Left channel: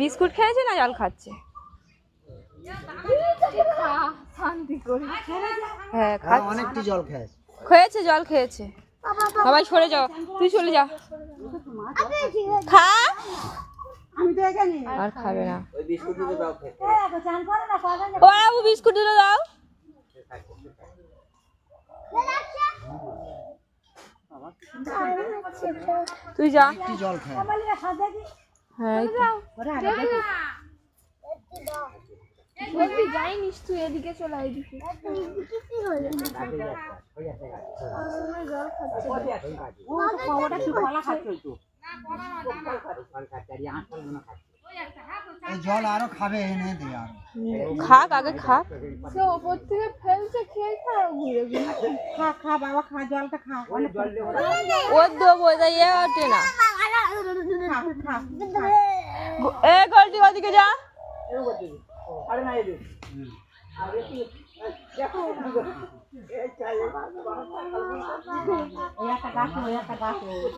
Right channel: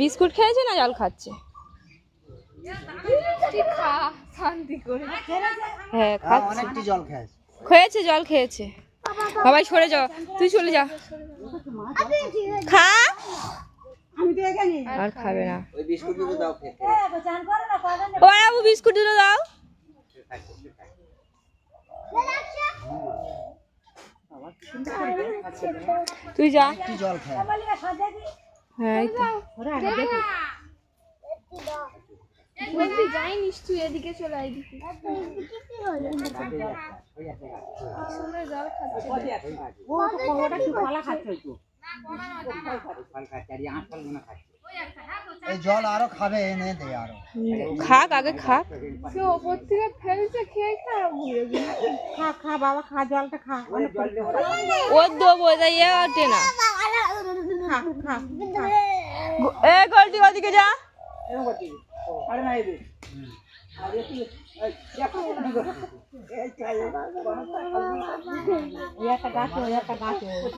Biscuit খেয়েছে না জল খাচ্ছে? হ্যাঁ অনেকটি জল খেয়েছে। খেয়েছে, জল খেয়েছে। সবাই সরে যাও, তুই চলে যা। খা, আমি তো এখানে আর খাবে না। ওই বিস্কুট দুটো দাও খেতে। চান করে না কয়জন ওই আবু বিস্কুট দিলো দাও। তুই যা। কি জল খেয়ে? হ্যাঁ যাইনিস তুই, এদিকে চলে আয়, এদিকে এই জল আরো খাবে, এনে দে আরো। খাক, আগে খাক। ওপর থেকে ফেলছে, খেয়ে খারাপ ঘুরে খা খা বাবা খা জলটা খা ওর দেবো, ইয়ে ওঠে না। খা খা এ গলতি ওদিকে যা। ওই একটা গাছ